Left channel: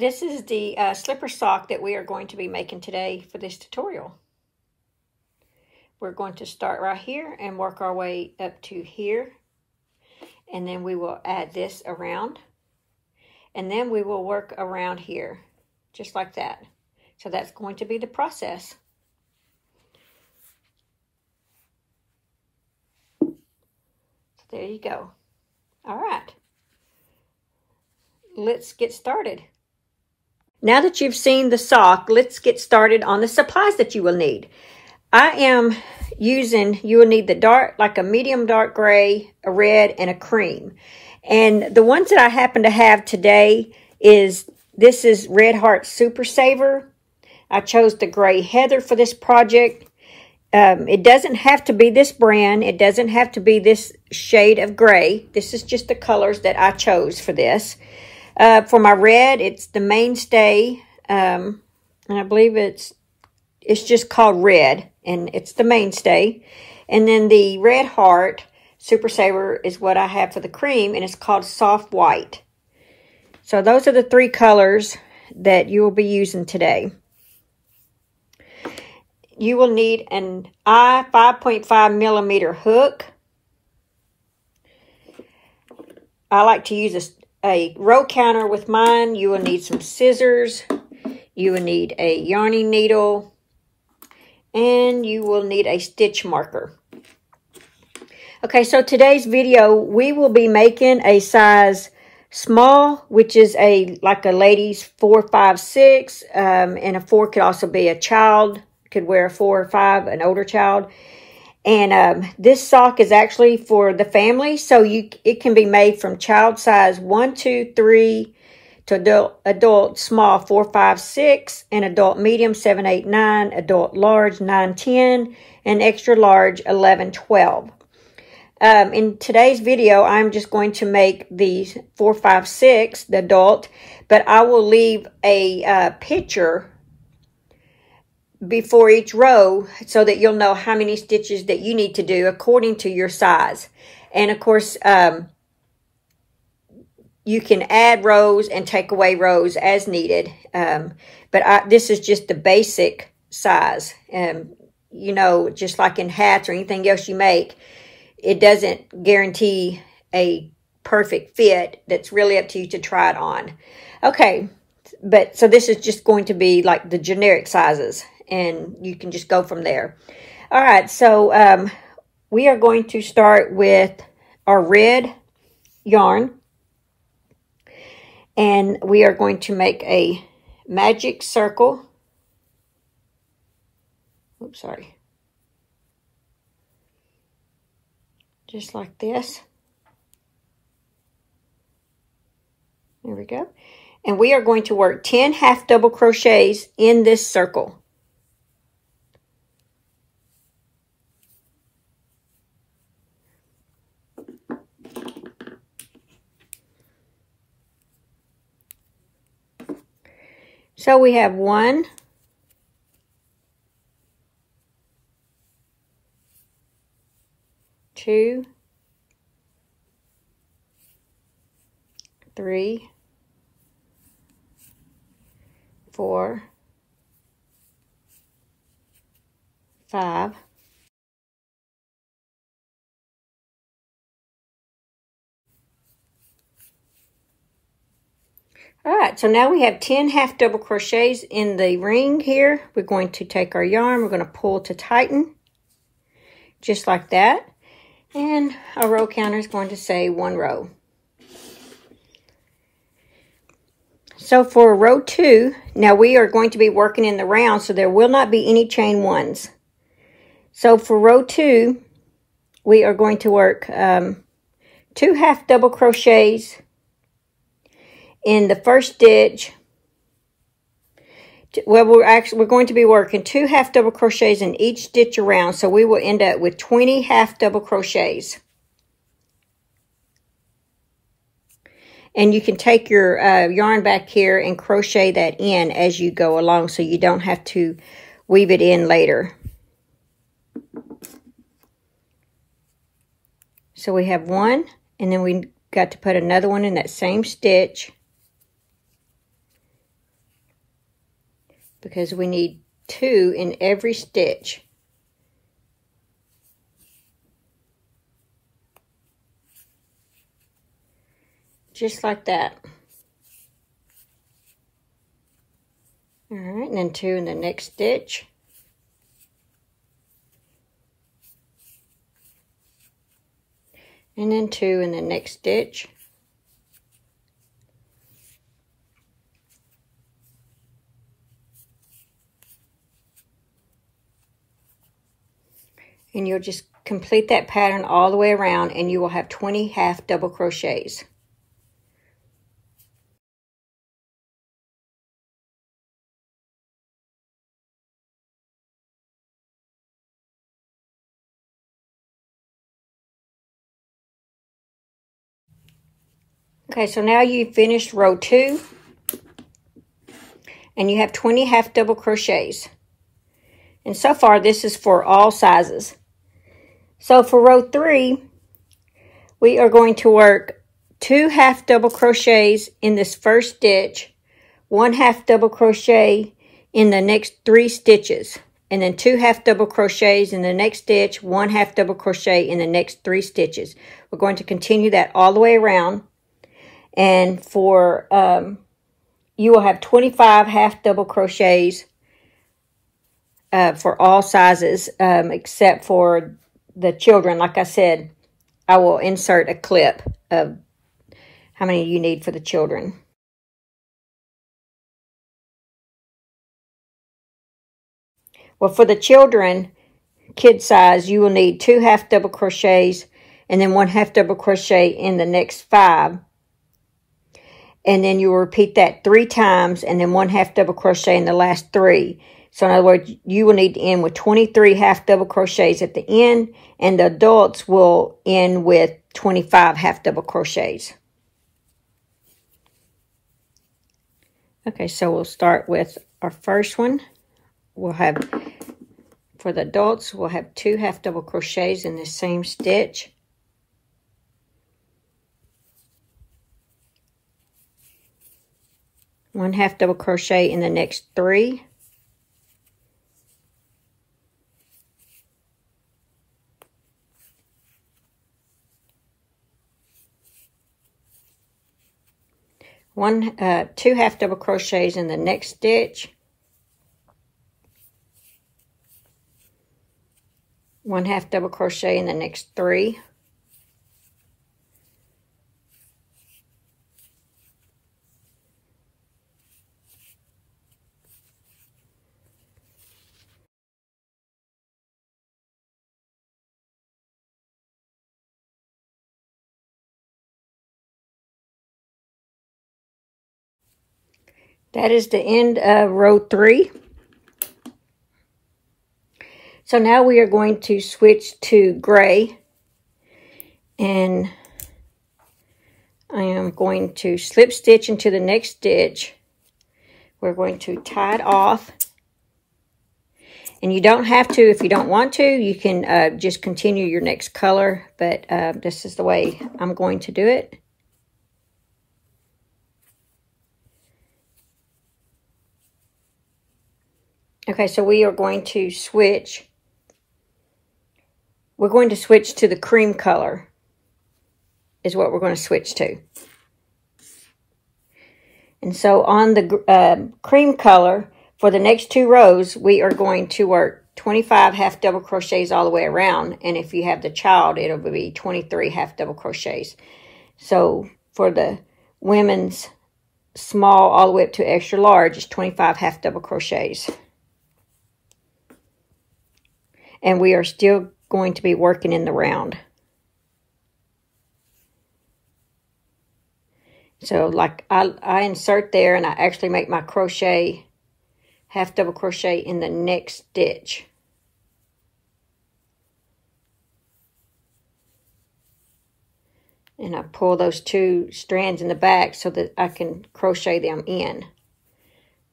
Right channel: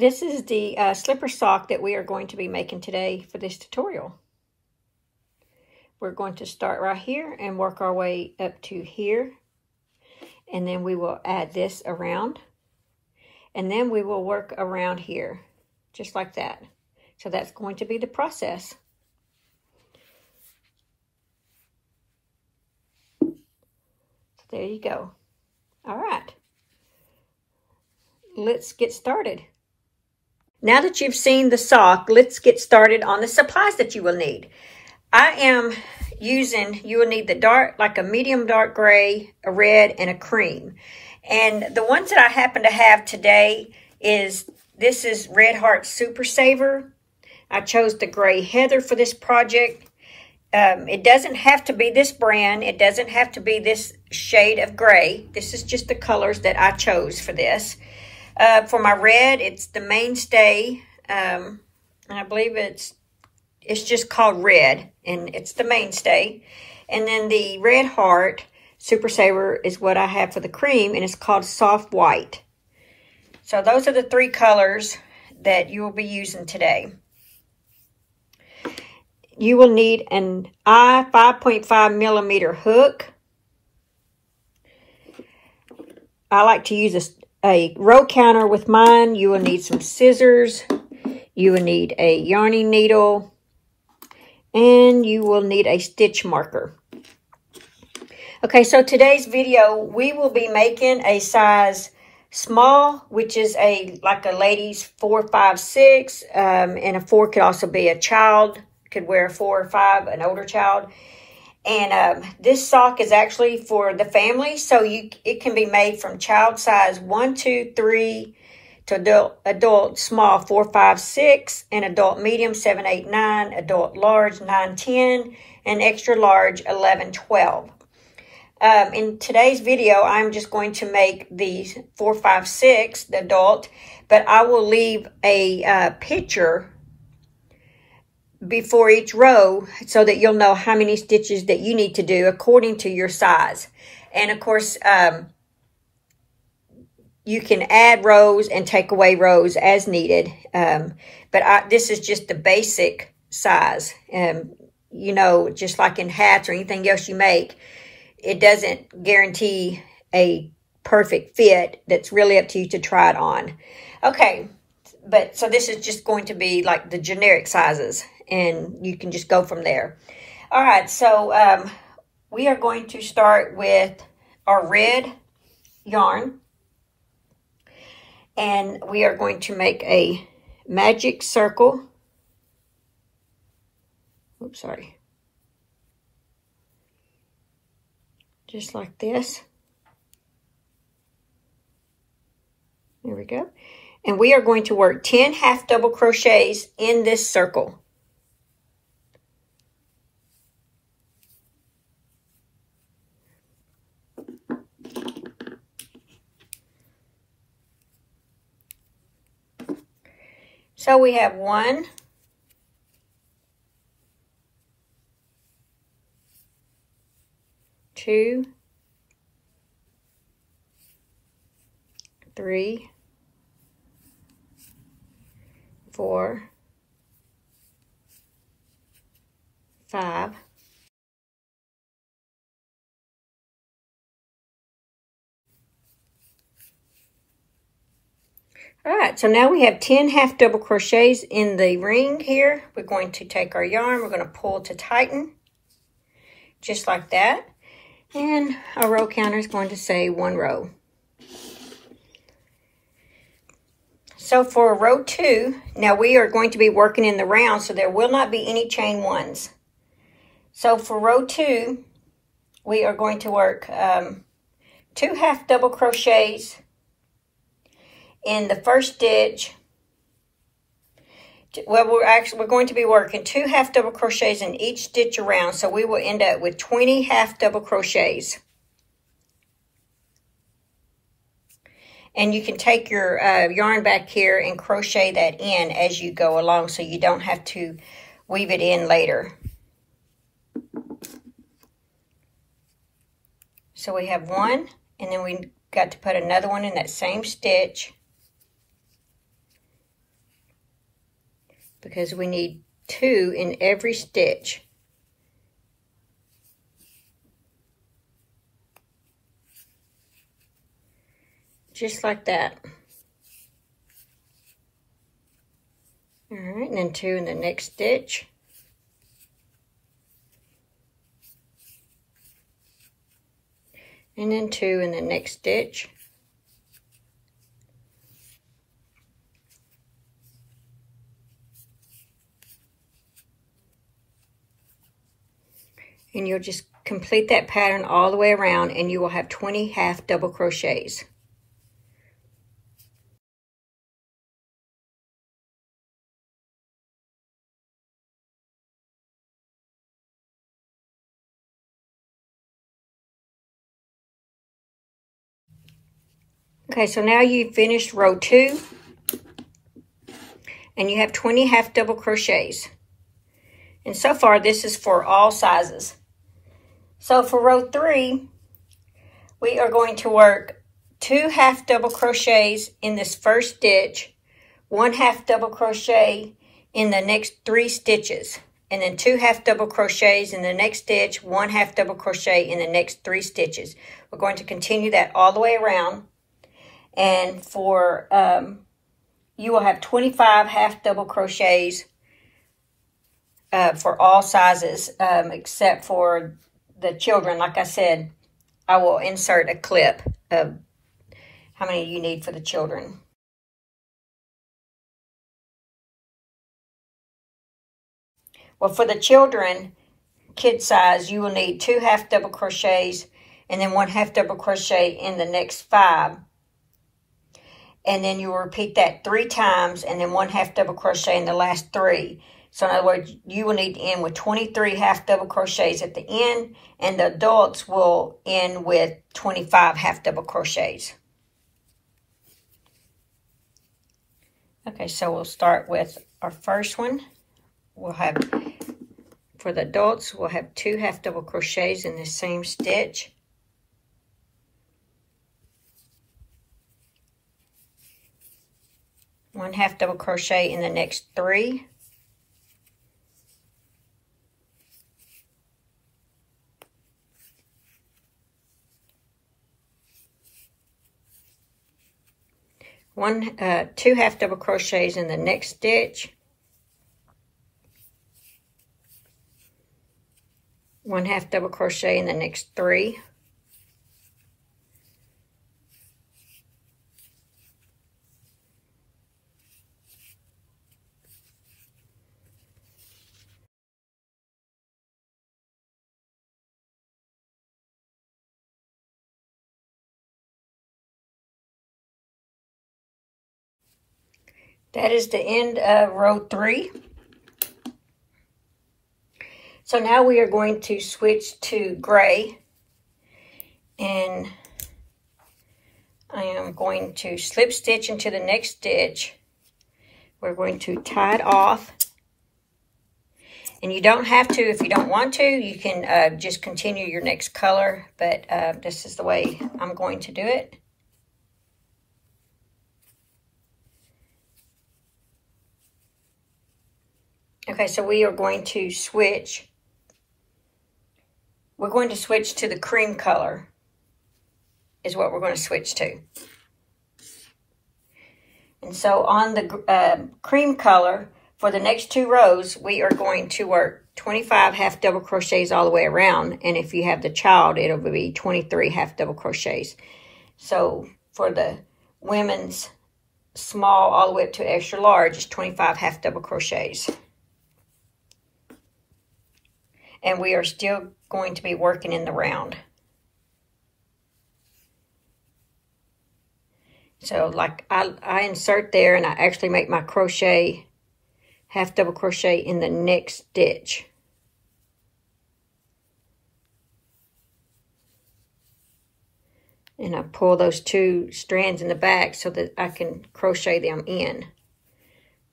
This is the slipper sock that we are going to be making today for this tutorial. We're going to start right here and work our way up to here. And then we will add this around. And then we will work around here, just like that. So that's going to be the process. So there you go. All right. Let's get started. Now that you've seen the sock, let's get started on the supplies that you will need. I am using, you will need the dark, like a medium dark gray, a red, and a cream. And the ones that I happen to have today is, this is Red Heart Super Saver. I chose the gray heather for this project. It doesn't have to be this brand. It doesn't have to be this shade of gray. This is just the colors that I chose for this. For my red, it's the Mainstay, and I believe it's just called Red, and it's the Mainstay. And then the Red Heart Super Saver is what I have for the cream, and it's called Soft White. So those are the three colors that you will be using today. You will need an I 5.5 millimeter hook. I like to use a row counter with mine. You will need some scissors. You will need a yarning needle. And you will need a stitch marker. Okay, so today's video, we will be making a size small, which is like a lady's 4, 5, 6. And a 4 could also be a child. Could wear a 4 or 5, an older child. And this sock is actually for the family, so it can be made from child size 1, 2, 3 to adult small 4, 5, 6, and adult medium 7, 8, 9, adult large 9, 10, and extra large 11, 12. In today's video, I'm just going to make the 4, 5, 6, the adult, but I will leave a picture before each row so that you'll know how many stitches that you need to do according to your size. And of course, you can add rows and take away rows as needed. But this is just the basic size. You know, just like in hats or anything else you make, it doesn't guarantee a perfect fit. That's really up to you to try it on. Okay, but so this is just going to be like the generic sizes, and you can just go from there. All right, so we are going to start with our red yarn. And we are going to make a magic circle. Oops, sorry. Just like this. There we go. And we are going to work 10 half double crochets in this circle. So we have 1, 2, 3, 4, 5, 'All right, so now we have 10 half double crochets in the ring here. We're going to take our yarn, we're going to pull to tighten, just like that. And our row counter is going to say 1 row. So for row 2, now we are going to be working in the round, so there will not be any chain 1s. So for row 2, we are going to work 2 half double crochets in the first stitch. Well, we're going to be working 2 half double crochets in each stitch around, so we will end up with 20 half double crochets. And you can take your yarn back here and crochet that in as you go along, so you don't have to weave it in later. So we have 1, and then we got to put another one in that same stitch. because we need 2 in every stitch. Just like that. All right, and then 2 in the next stitch. And then 2 in the next stitch. And you'll just complete that pattern all the way around, and you will have 20 half double crochets. Okay, so now you've finished row 2, and you have 20 half double crochets. And so far, this is for all sizes. So for row 3, we are going to work 2 half double crochets in this first stitch, 1 half double crochet in the next 3 stitches, and then 2 half double crochets in the next stitch, 1 half double crochet in the next 3 stitches. We're going to continue that all the way around. And for, you will have 25 half double crochets for all sizes, except for the children. Like I said, I will insert a clip of how many you need for the children. Well, for the children, kid size, you will need 2 half double crochets and then 1 half double crochet in the next 5. And then you will repeat that 3 times and then 1 half double crochet in the last 3. So in other words, you will need to end with 23 half double crochets at the end, and the adults will end with 25 half double crochets. Okay, so we'll start with our first one. We'll have, for the adults, we'll have 2 half double crochets in the same stitch. One half double crochet in the next 3. Two half double crochets in the next stitch. 1 half double crochet in the next 3. That is the end of row 3. So now we are going to switch to gray, and I am going to slip stitch into the next stitch. We're going to tie it off, and you don't have to if you don't want to. You can just continue your next color, but this is the way I'm going to do it. Okay, so we are going to switch. We're going to switch to the cream color is what we're going to switch to. And so on the cream color, for the next 2 rows, we are going to work 25 half double crochets all the way around. And if you have the child, it'll be 23 half double crochets. So for the women's small all the way up to extra large, it's 25 half double crochets. And we are still going to be working in the round. So like I insert there, and I actually make my crochet, half double crochet in the next stitch. And I pull those 2 strands in the back so that I can crochet them in.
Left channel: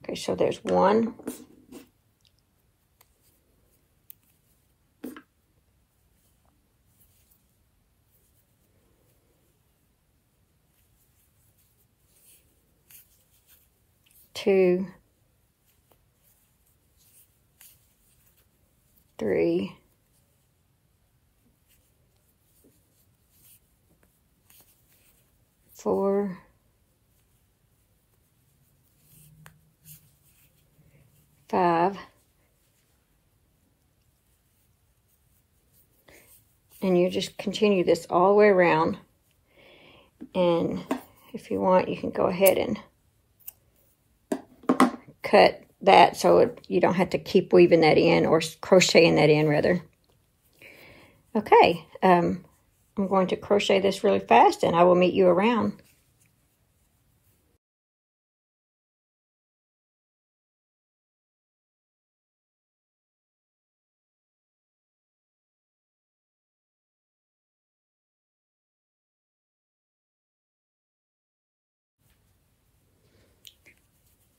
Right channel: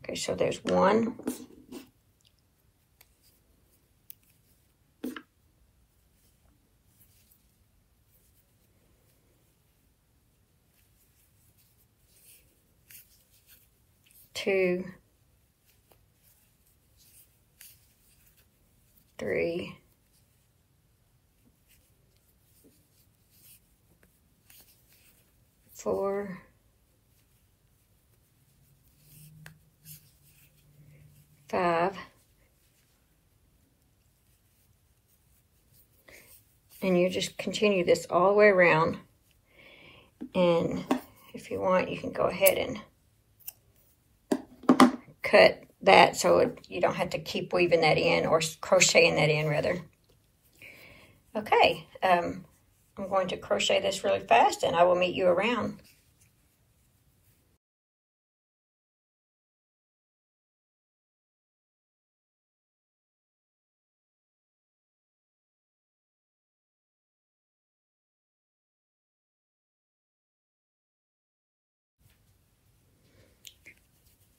Okay, so there's 1. 2, 3, 4, 5, and you just continue this all the way around. And if you want, you can go ahead and cut that so you don't have to keep weaving that in, or crocheting that in rather. Okay, I'm going to crochet this really fast and I will meet you around.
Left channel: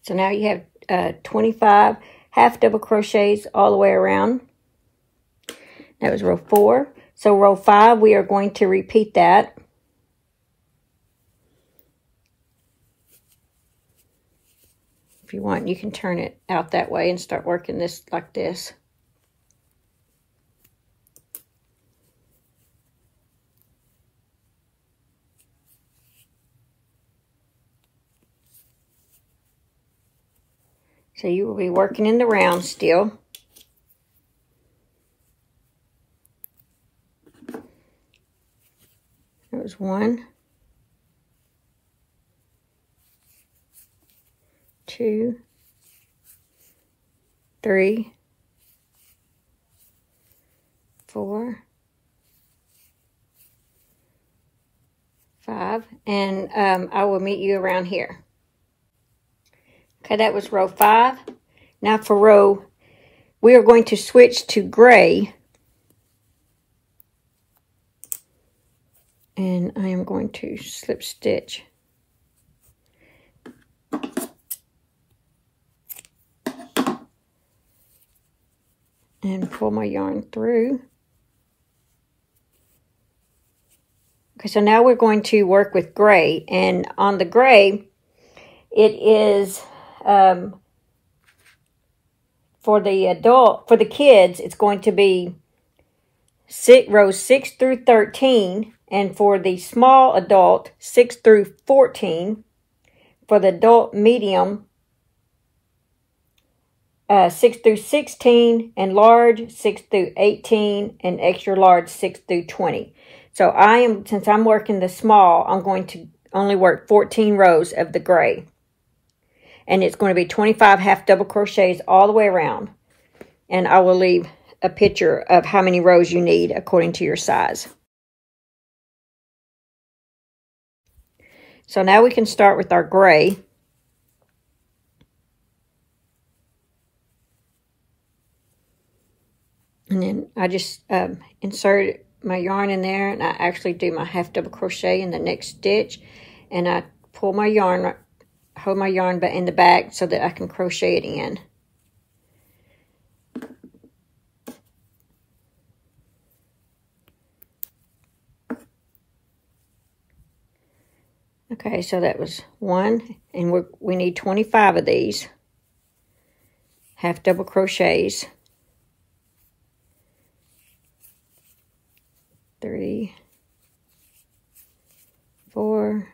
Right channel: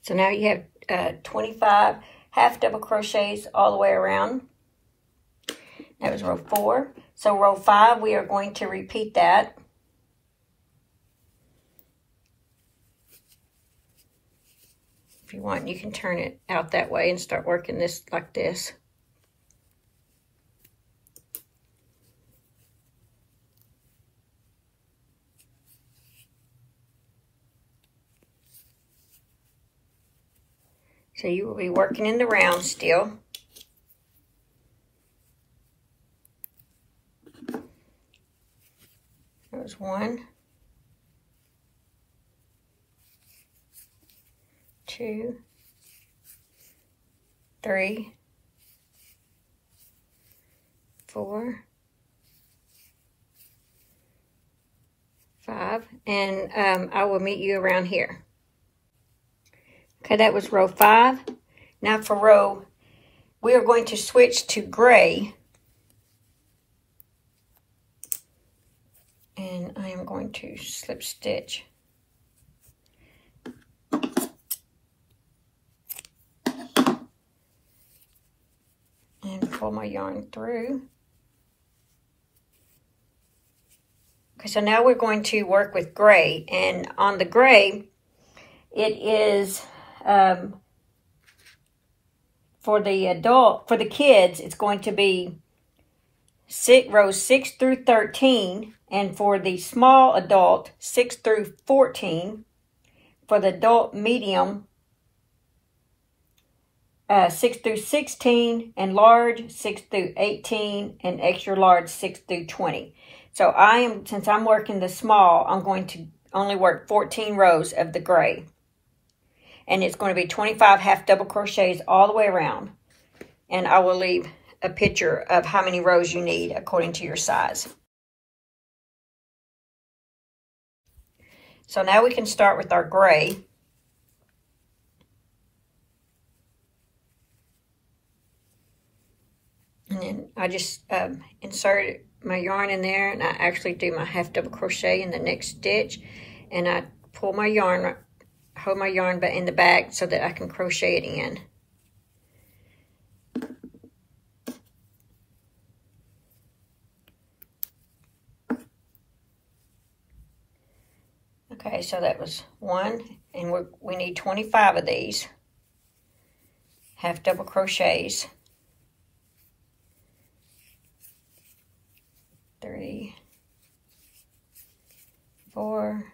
So now you have 25 half double crochets all the way around. That was row 4. So row 5, we are going to repeat that. If you want, you can turn it out that way and start working this like this. So you will be working in the round still. There's 1, 2, 3, 4, 5, and I will meet you around here. Okay, that was row 5. Now for we are going to switch to gray. And I am going to slip stitch. And pull my yarn through. Okay, so now we're going to work with gray. And on the gray, it is, for the kids, it's going to be rows 6 through 13. And for the small adult, 6 through 14. For the adult medium, 6 through 16. And large, 6 through 18. And extra large, 6 through 20. So since I'm working the small, I'm going to only work 14 rows of the gray. And it's going to be 25 half double crochets all the way around. And I will leave a picture of how many rows you need according to your size. So now we can start with our gray. And then I just insert my yarn in there, and I actually do my half double crochet in the next stitch. And I pull my yarn, hold my yarn in the back so that I can crochet it in. Okay, so that was 1, and we need 25 of these half double crochets. 3, 4,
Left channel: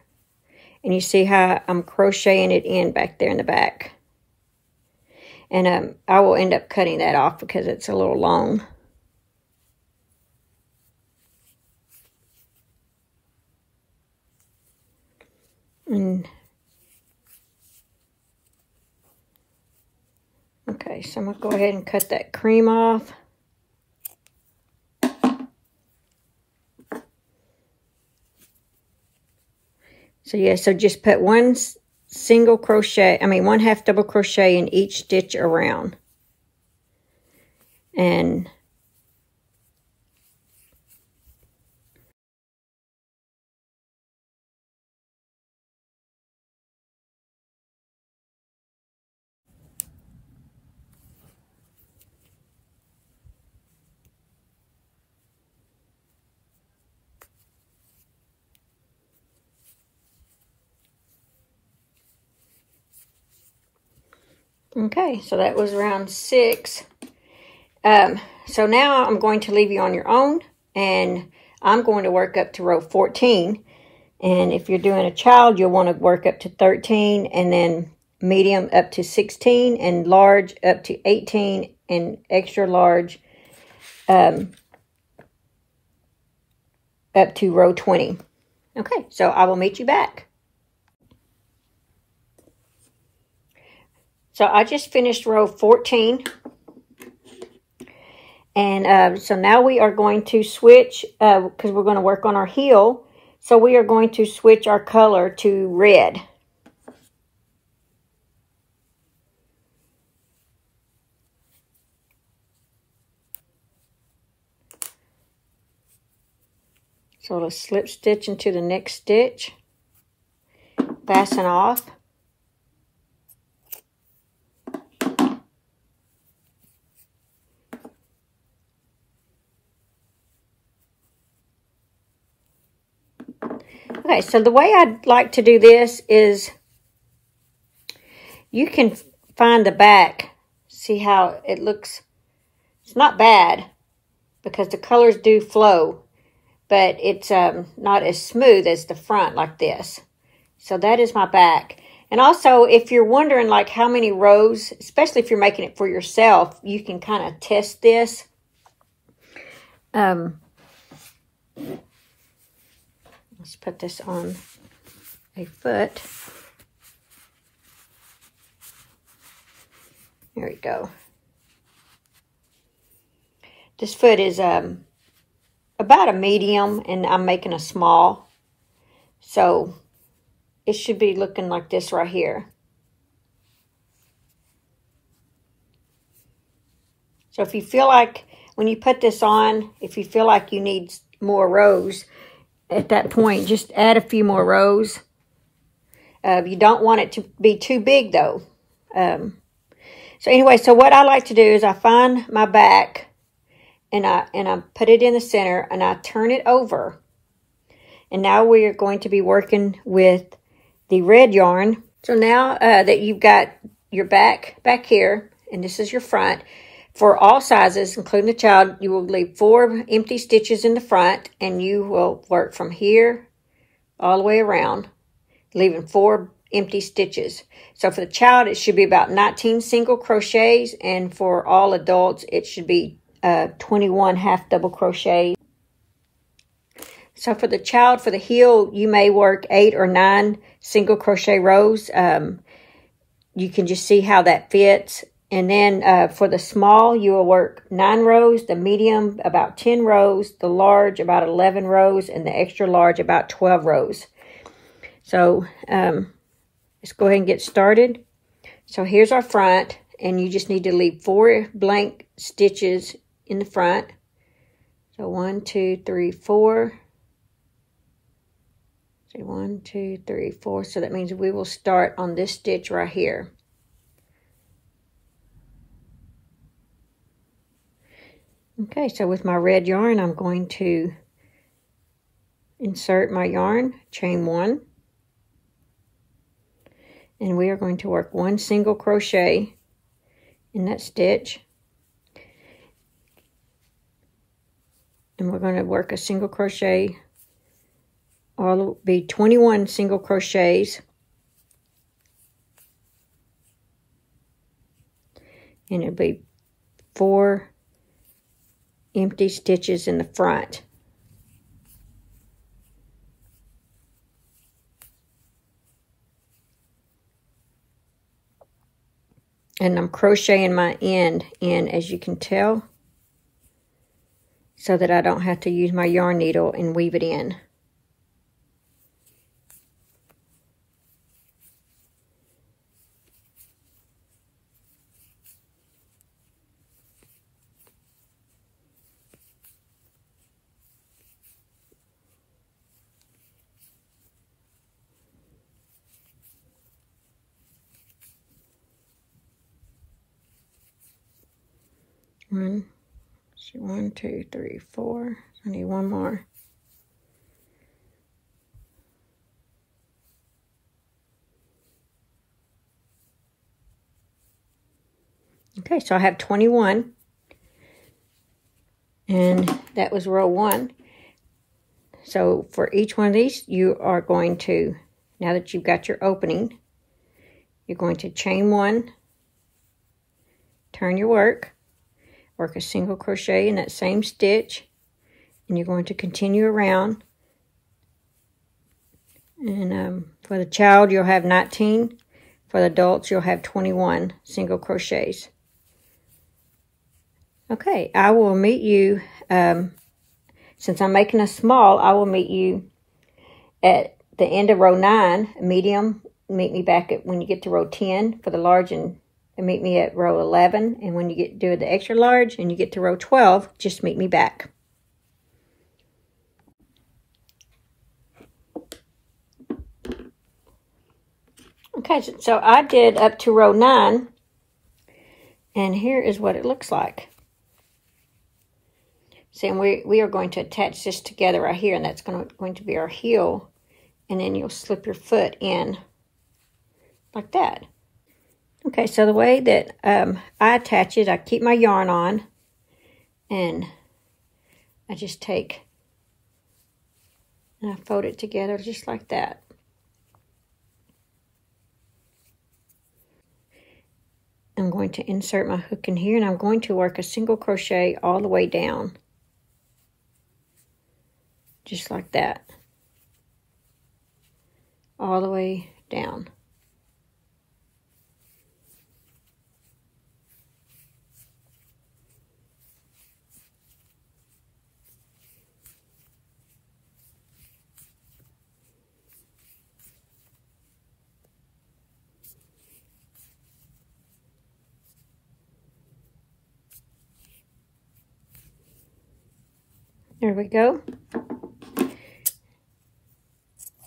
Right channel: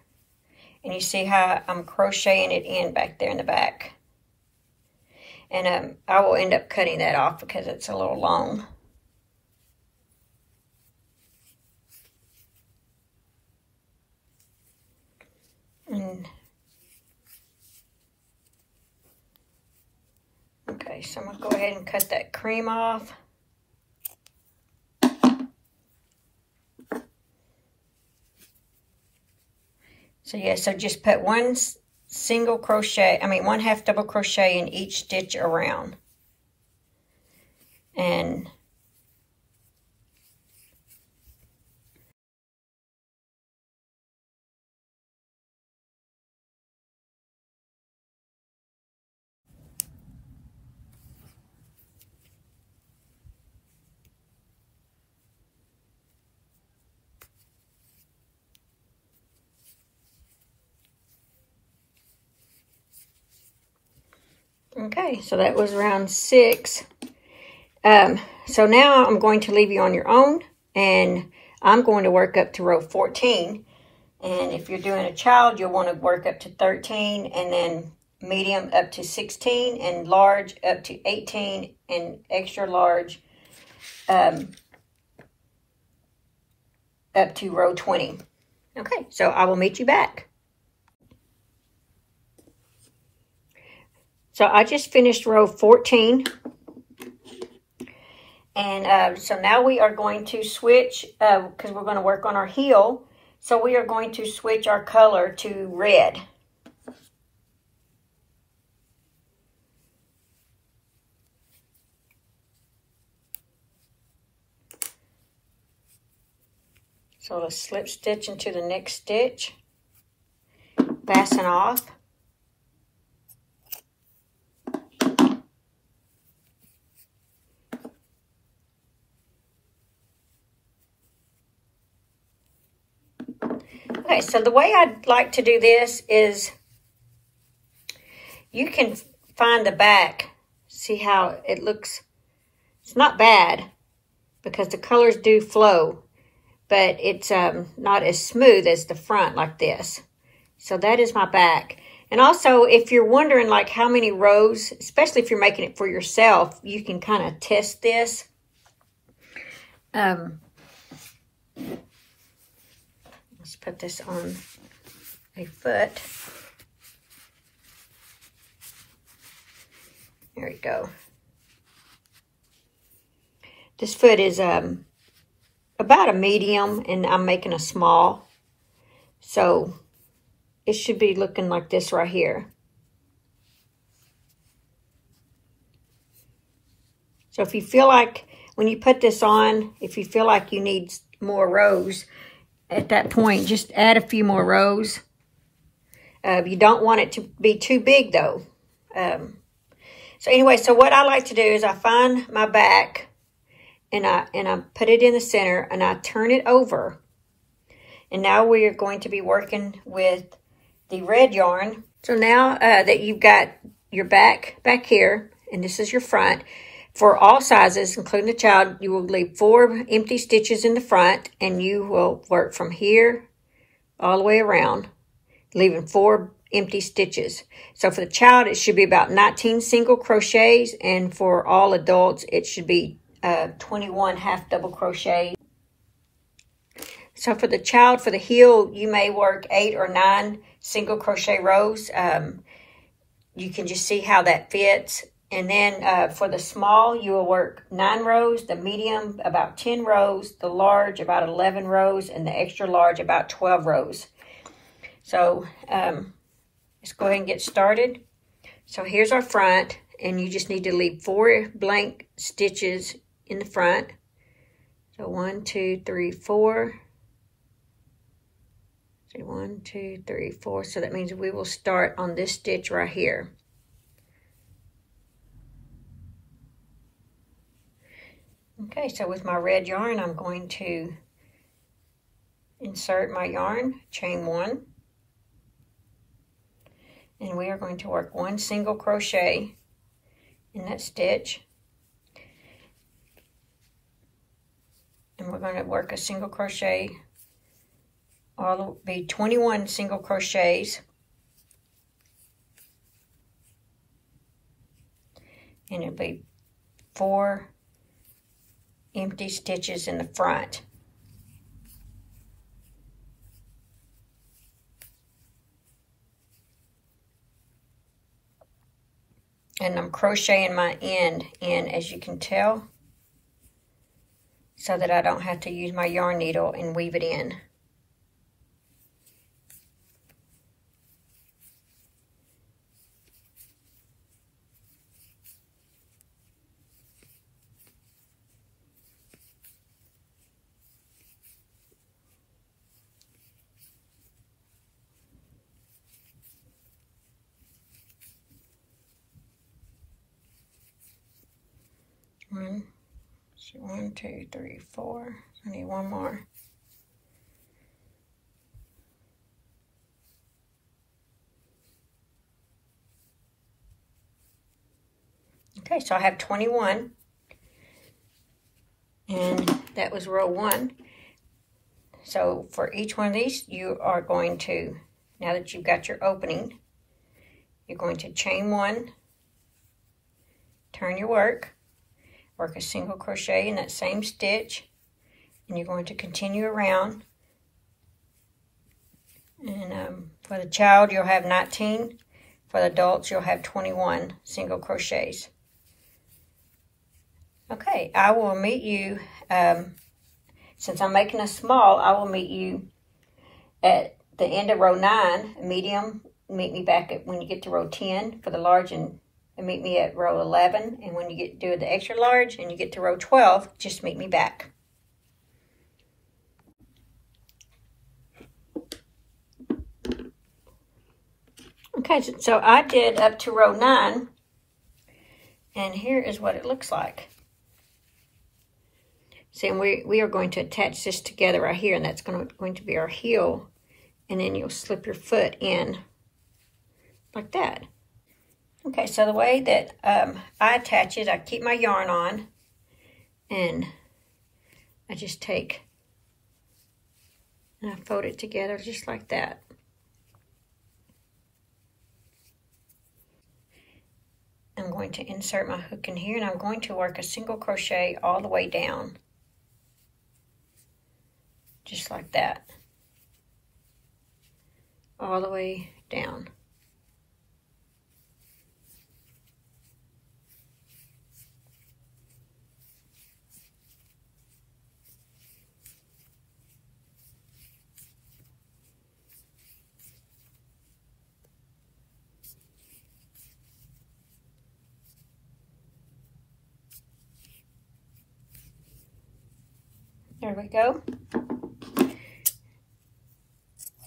and you see how I'm crocheting it in back there in the back. And I will end up cutting that off because it's a little long. And okay, so I'm going to go ahead and cut that cream off. So yeah, so just put one half double crochet in each stitch around. And okay, so that was round 6. So now I'm going to leave you on your own, and I'm going to work up to row 14. And if you're doing a child, you'll want to work up to 13, and then medium up to 16, and large up to 18, and extra large up to row 20. Okay, so I will meet you back. So I just finished row 14. And so now we are going to switch, because we're going to work on our heel. So we are going to switch our color to red. So let's slip stitch into the next stitch, fasten off. Okay, so the way I'd like to do this is you can find the back. See how it looks? It's not bad because the colors do flow, but it's not as smooth as the front like this. So that is my back. And also, if you're wondering like how many rows, especially if you're making it for yourself, you can kind of test this. Let's put this on a foot. There we go. This foot is about a medium, and I'm making a small. So it should be looking like this right here. So if you feel like, when you put this on, if you feel like you need more rows, at that point, just add a few more rows. You don't want it to be too big, though. So anyway, so what I like to do is I find my back, and I put it in the center, and I turn it over. And now we are going to be working with the red yarn. So now that you've got your back here, and this is your front, for all sizes, including the child, you will leave 4 empty stitches in the front, and you will work from here all the way around, leaving 4 empty stitches. So for the child, it should be about 19 single crochets, and for all adults, it should be 21 half double crochets. So for the child, for the heel, you may work 8 or 9 single crochet rows. You can just see how that fits. And then for the small, you will work 9 rows, the medium about 10 rows, the large about 11 rows, and the extra large about 12 rows. So let's go ahead and get started. So here's our front, and you just need to leave 4 blank stitches in the front. So 1, 2, 3, 4. So 1, 2, 3, 4. So that means we will start on this stitch right here. Okay, so with my red yarn, I'm going to insert my yarn, chain 1. And we are going to work 1 single crochet in that stitch. And we're going to work a single crochet, or it'll be 21 single crochets. And it'll be 4 empty stitches in the front. And I'm crocheting my end in, as you can tell, so that I don't have to use my yarn needle and weave it in. One, 2, 3, 4. I need 1 more. Okay, so I have 21. And that was row 1. So for each one of these, you are going to, now that you've got your opening, you're going to chain 1, turn your work a single crochet in that same stitch, and you're going to continue around. And for the child, you'll have 19. For the adults, you'll have 21 single crochets. Okay, I will meet you, since I'm making a small, I will meet you at the end of row 9, medium. Meet me back at when you get to row 10 for the large, and meet me at row 11. And when you do the extra large and you get to row 12, just meet me back. Okay, so I did up to row 9, and here is what it looks like. See, and we are going to attach this together right here, and that's going to be our heel, and then you'll slip your foot in like that. Okay, so the way that I attach it, I keep my yarn on, and I just take and I fold it together just like that. I'm going to insert my hook in here, and I'm going to work a single crochet all the way down. Just like that. All the way down. There we go.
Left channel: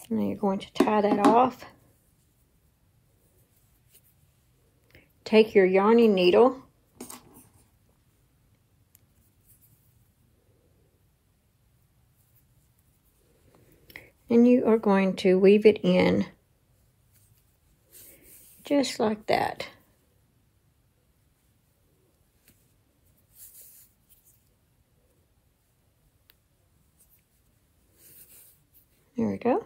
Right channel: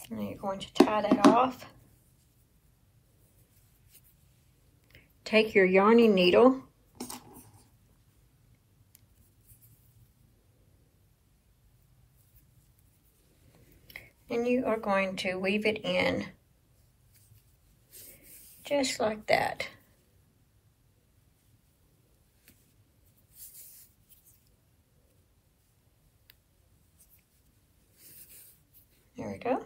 And then you're going to tie that off. Take your yarning needle and you are going to weave it in just like that. There we go.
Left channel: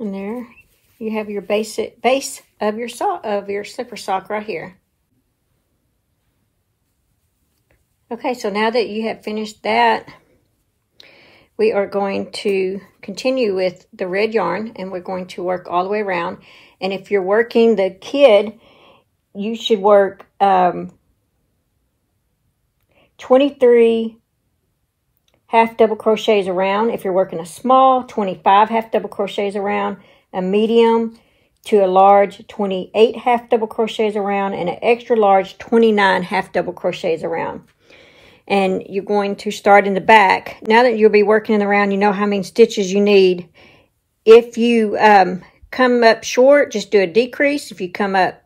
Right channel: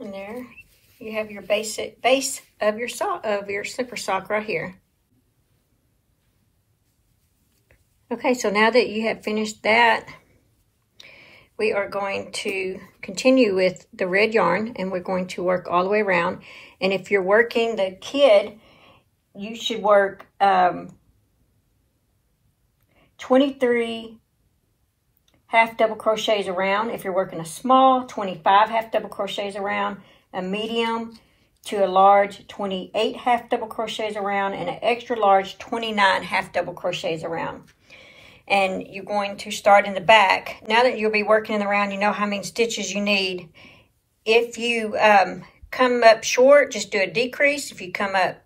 And there you have your base of your slipper sock right here. Okay, so now that you have finished that, we are going to continue with the red yarn, and we're going to work all the way around. And if you're working the kid, you should work 23 half double crochets around. If you're working a small, 25 half double crochets around. A medium to a large, 28 half double crochets around. And an extra large, 29 half double crochets around. And you're going to start in the back. Now that you'll be working in the round, you know how many stitches you need. If you come up short, just do a decrease. If you come up,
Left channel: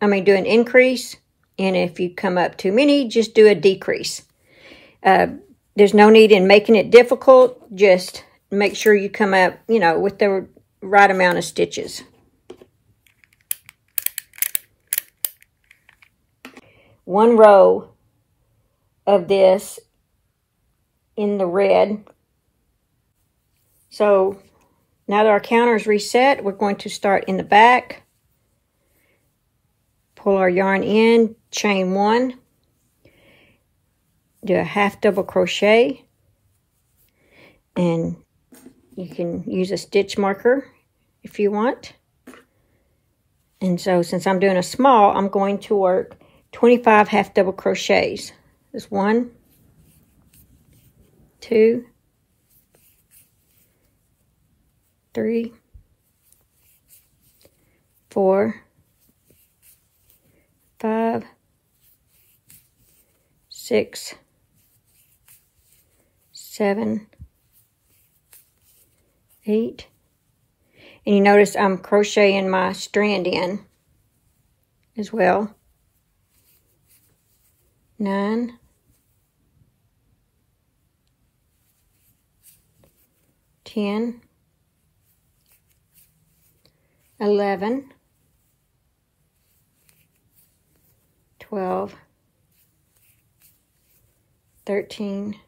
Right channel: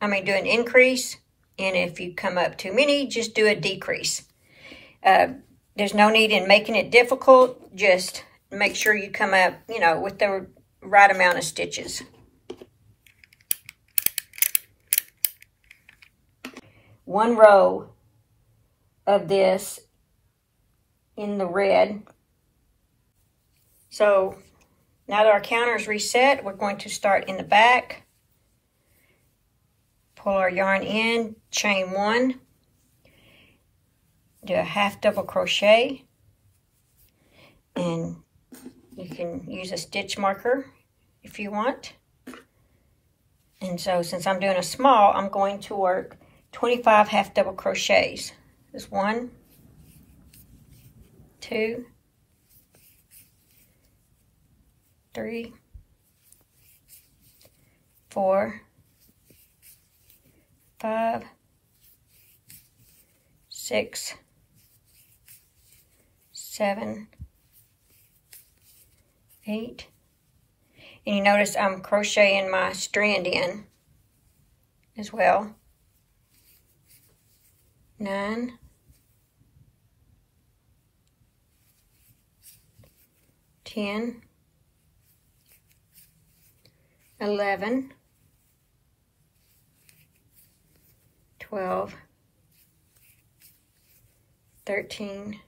do an increase. And if you come up too many, just do a decrease. There's no need in making it difficult. Just make sure you come up, with the right amount of stitches. One row of this in the red. So now that our counter is reset, we're going to start in the back. Pull our yarn in, chain 1, do a half double crochet, and you can use a stitch marker if you want. And so since I'm doing a small, I'm going to work 25 half double crochets. There's 1, 2, 3, 4, 5, 6, 7, 8, and you notice I'm crocheting my strand in as well. 9, 10, 11, 12, 13,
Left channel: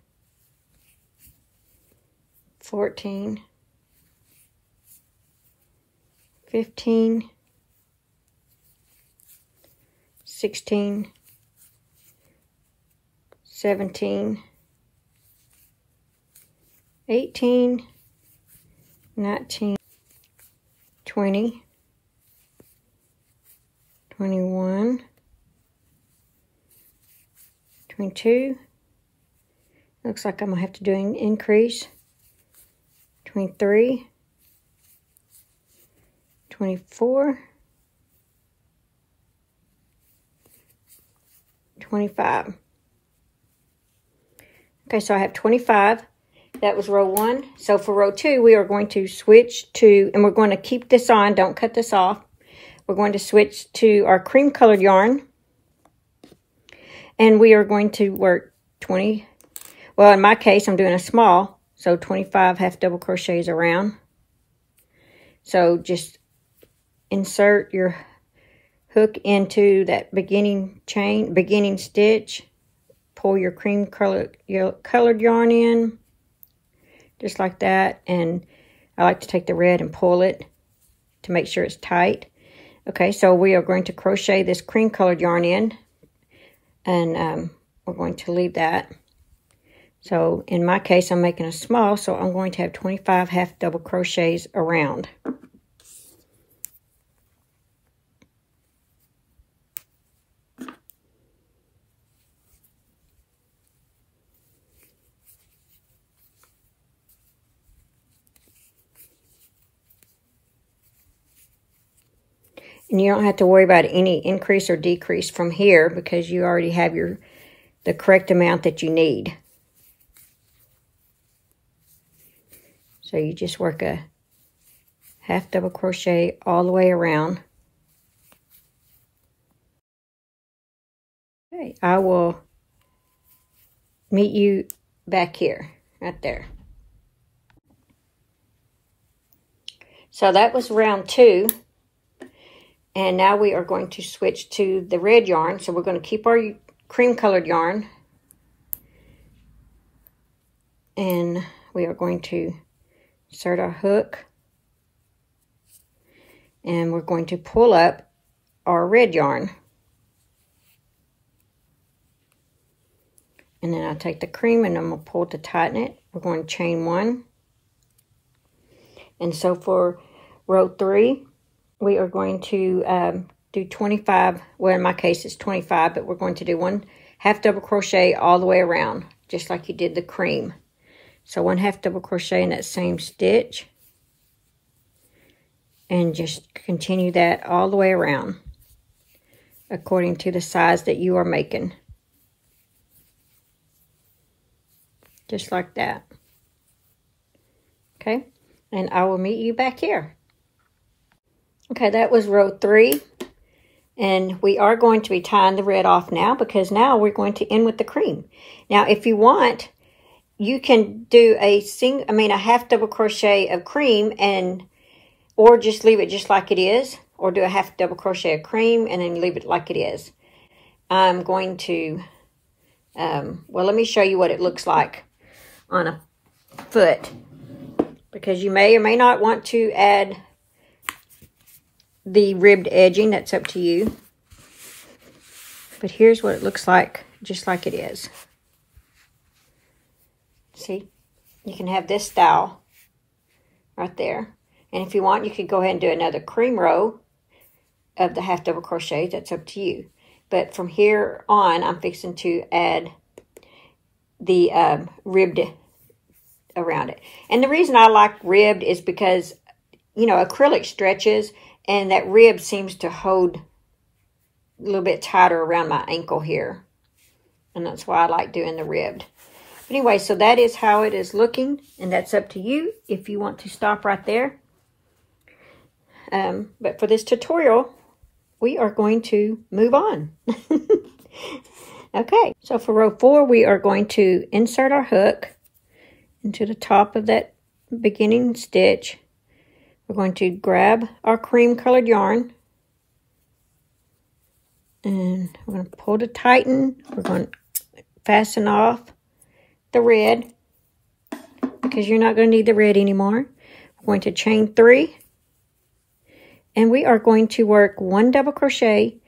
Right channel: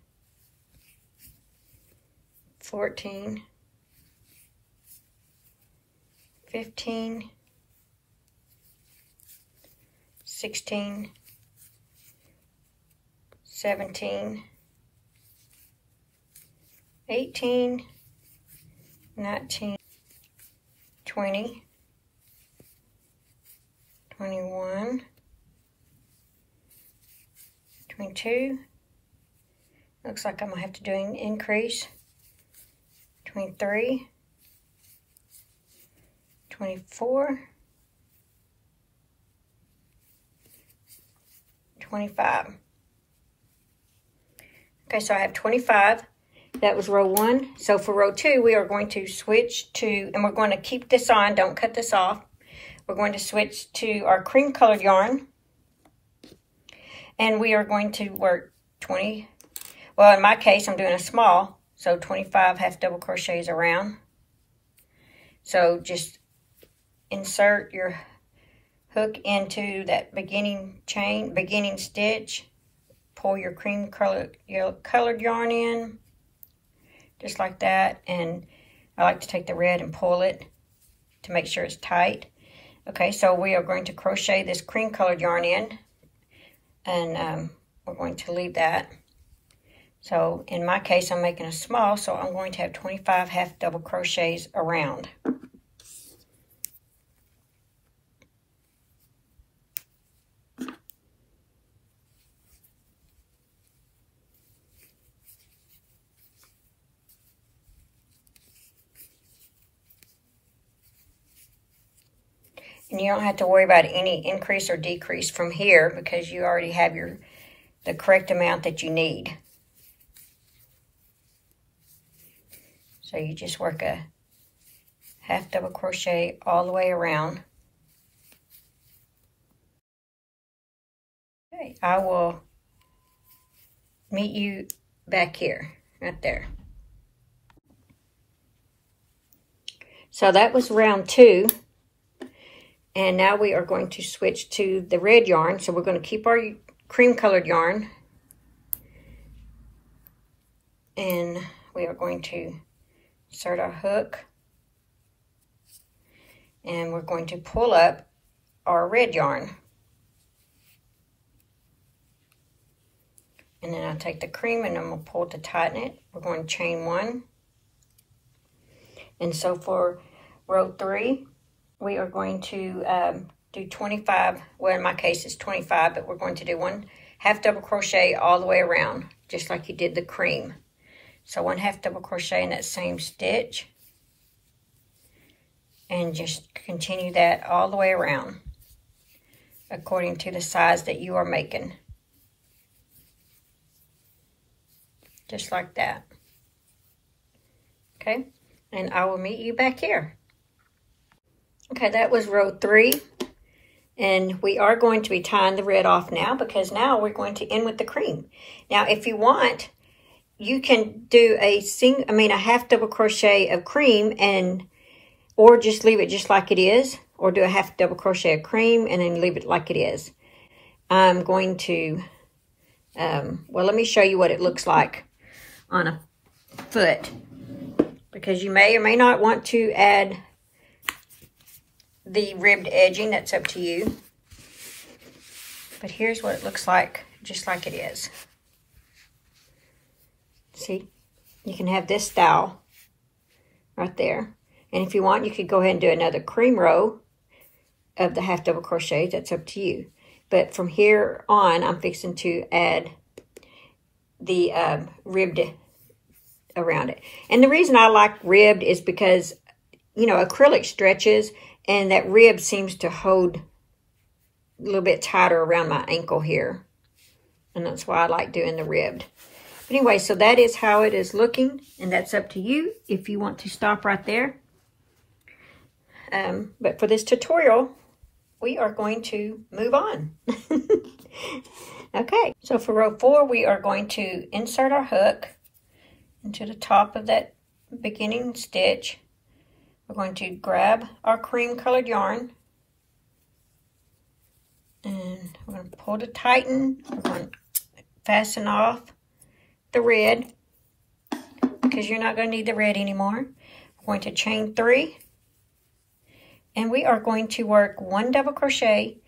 14, 15, 16, 17, 18, 19, 20, 21, 22. Looks like I'm going to have to do an increase. 23, 24, 25. Okay, so I have 25. That was row 1. So for row 2, we are going to switch to, and we're going to keep this on, don't cut this off. We're going to switch to our cream colored yarn. And we are going to work 20, well, in my case, I'm doing a small, so 25 half double crochets around. So just insert your hook into that beginning chain, beginning stitch. Pull your cream colored yarn in, just like that. And I like to take the red and pull it to make sure it's tight. Okay, so we are going to crochet this cream colored yarn in, and we're going to leave that. So in my case, I'm making a small, so I'm going to have 25 half double crochets around. And you don't have to worry about any increase or decrease from here because you already have the correct amount that you need. So you just work a half double crochet all the way around. Okay, I will meet you back here, right there. So that was round 2. And now we are going to switch to the red yarn. So we're going to keep our cream colored yarn. And we are going to insert our hook. And we're going to pull up our red yarn. And then I'll take the cream and I'm going to pull to tighten it. We're going to chain 1. And so for row 3, we are going to do 25, well in my case it's 25, but we're going to do 1 half double crochet all the way around, just like you did the cream. So 1 half double crochet in that same stitch, and just continue that all the way around, according to the size that you are making. Just like that. Okay, and I will meet you back here. Okay, that was row 3, and we are going to be tying the red off now because now we're going to end with the cream. Now, if you want, you can do a half double crochet of cream, or just leave it just like it is, or do a half double crochet of cream and then leave it like it is. I'm going to, well, let me show you what it looks like on a foot, because you may or may not want to add the ribbed edging. That's up to you. But here's what it looks like, just like it is. See, you can have this style right there. And if you want, you could go ahead and do another cream row of the half double crochet. That's up to you. But from here on, I'm fixing to add the ribbed around it. And the reason I like ribbed is because, you know, acrylic stretches, and that rib seems to hold a little bit tighter around my ankle here. And that's why I like doing the ribbed. But anyway, so that is how it is looking. And that's up to you if you want to stop right there. But for this tutorial, we are going to move on. Okay, so for row 4, we are going to insert our hook into the top of that beginning stitch. we're going to grab our cream colored yarn and we're going to pull to tighten. We're going to fasten off the red because you're not going to need the red anymore. We're going to chain 3 and we are going to work 1 double crochet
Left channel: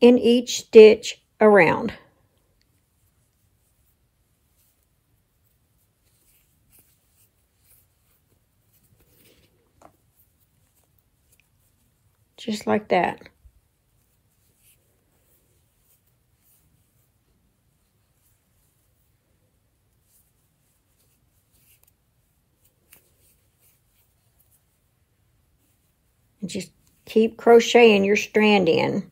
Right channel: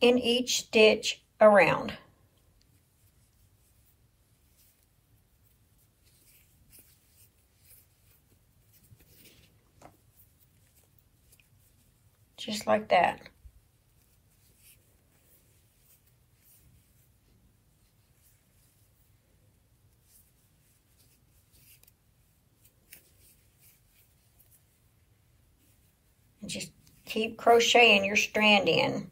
in each stitch around. Just like that. And just keep crocheting your strand in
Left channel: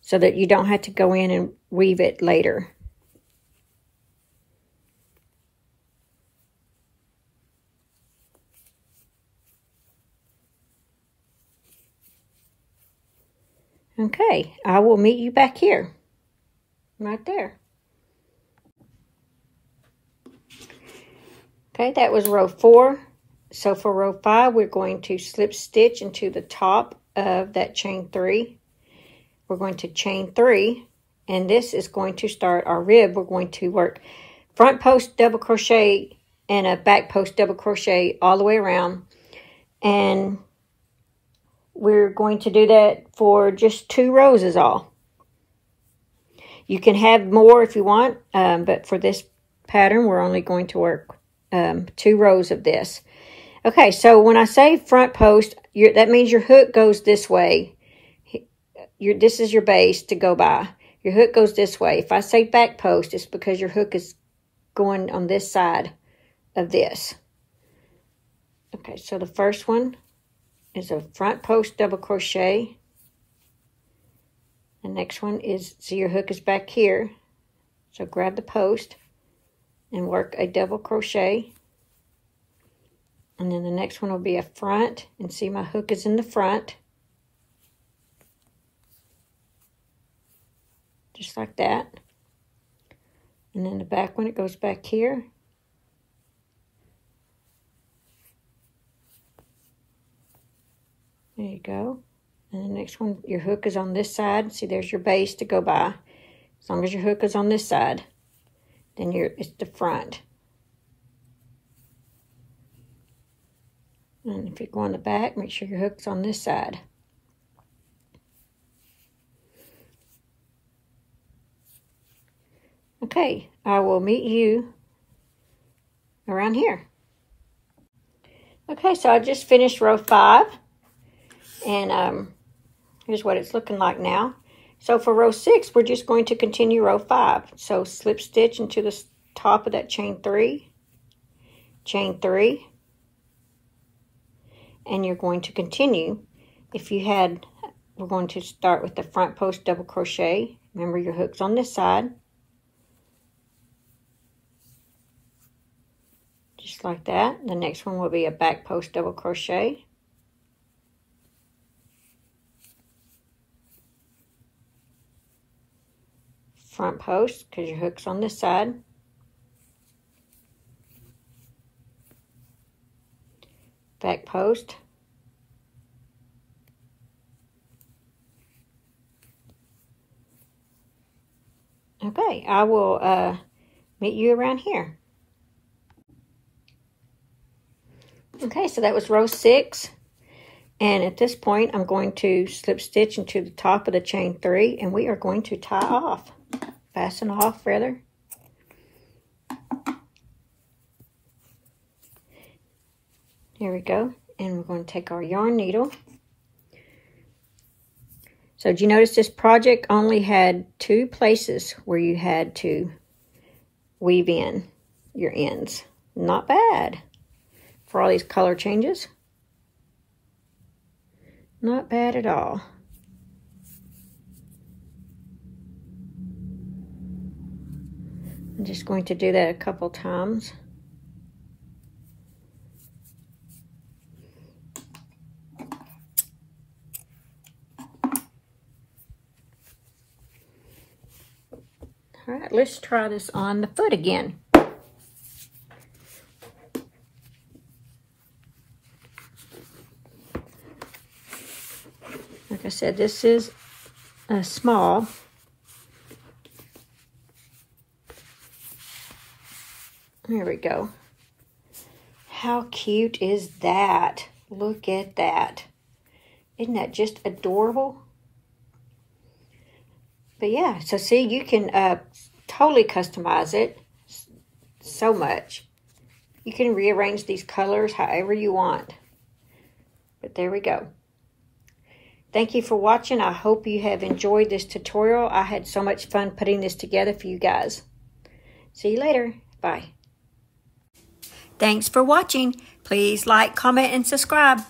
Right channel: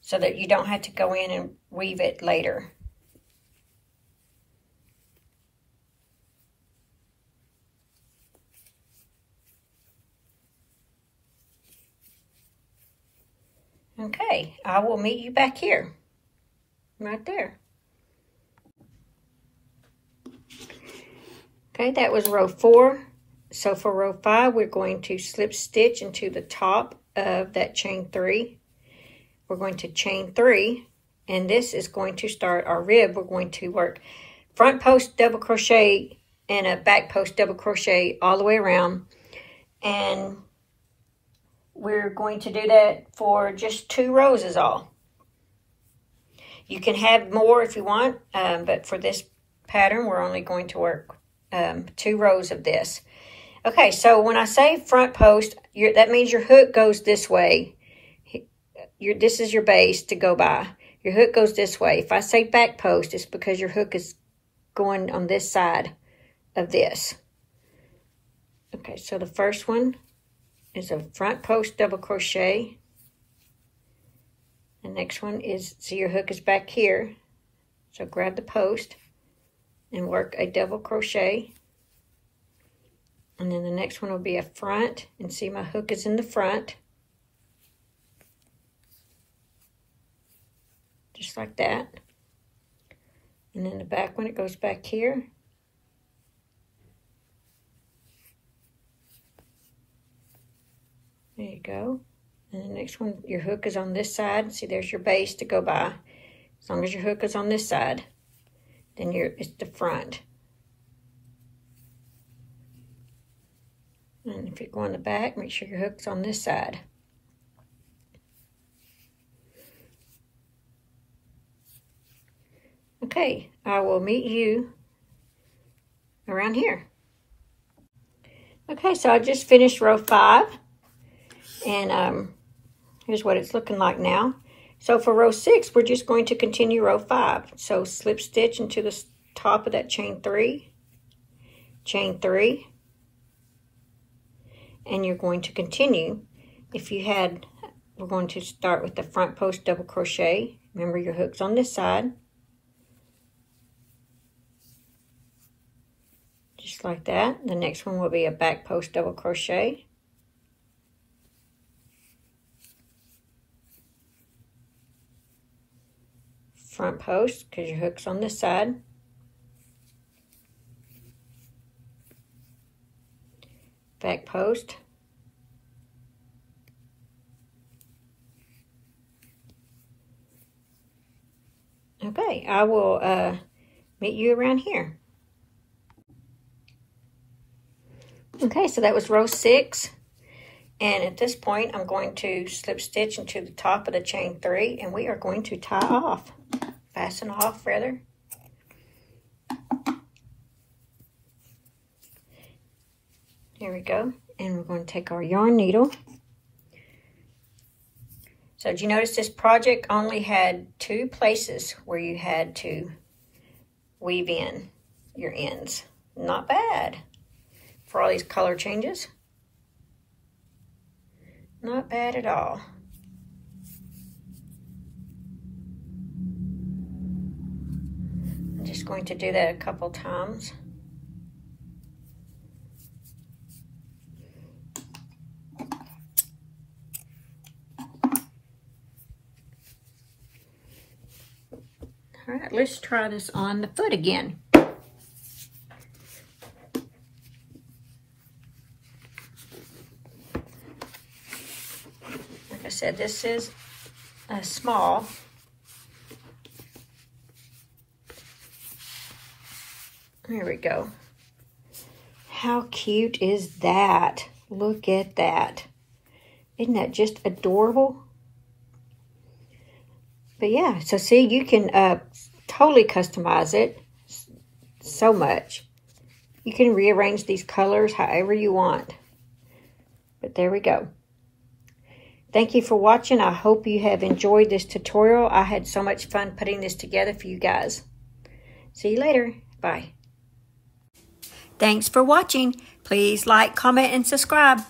so that you don't have to go in and weave it later. Okay, I will meet you back here, right there. Okay, that was row 4. So for row 5, we're going to slip stitch into the top of that chain 3. We're going to chain 3, and this is going to start our rib. We're going to work front post double crochet and a back post double crochet all the way around. And we're going to do that for just 2 rows is all. You can have more if you want, but for this pattern, we're only going to work 2 rows of this. Okay, so when I say front post, that means your hook goes this way. This is your base to go by. Your hook goes this way. If I say back post, it's because your hook is going on this side of this. Okay, so the first one is a front post double crochet. The next one is, see your hook is back here. So grab the post and work a double crochet. And then the next one will be a front, and see my hook is in the front. Just like that. And then the back one, it goes back here. There you go. And the next one, your hook is on this side. See, there's your base to go by. As long as your hook is on this side, then it's the front. And if you're going the back, make sure your hook's on this side. Okay, I will meet you around here. Okay, so I just finished row 5. And here's what it's looking like now. So for row 6, we're just going to continue row 5. So slip stitch into the top of that chain 3, chain 3, and you're going to continue. We're going to start with the front post double crochet. Remember, your hook's on this side. Just like that. The next one will be a back post double crochet. Front post, because your hook's on this side. Back post. Okay, I will meet you around here. Okay, so that was row 6. And at this point, I'm going to slip stitch into the top of the chain 3, and we are going to tie off. Fasten off, rather. Here we go. And we're going to take our yarn needle. So did you notice this project only had 2 places where you had to weave in your ends? Not bad for all these color changes. Not bad at all. I'm just going to do that a couple times. All right, let's try this on the foot again. said, this is a small. There we go. How cute is that? Look at that. Isn't that just adorable? But yeah, so see, you can totally customize it so much. You can rearrange these colors however you want. But there we go. Thank you for watching. I hope you have enjoyed this tutorial. I had so much fun putting this together for you guys. See you later. Bye. Thanks for watching. Please like, comment, and subscribe.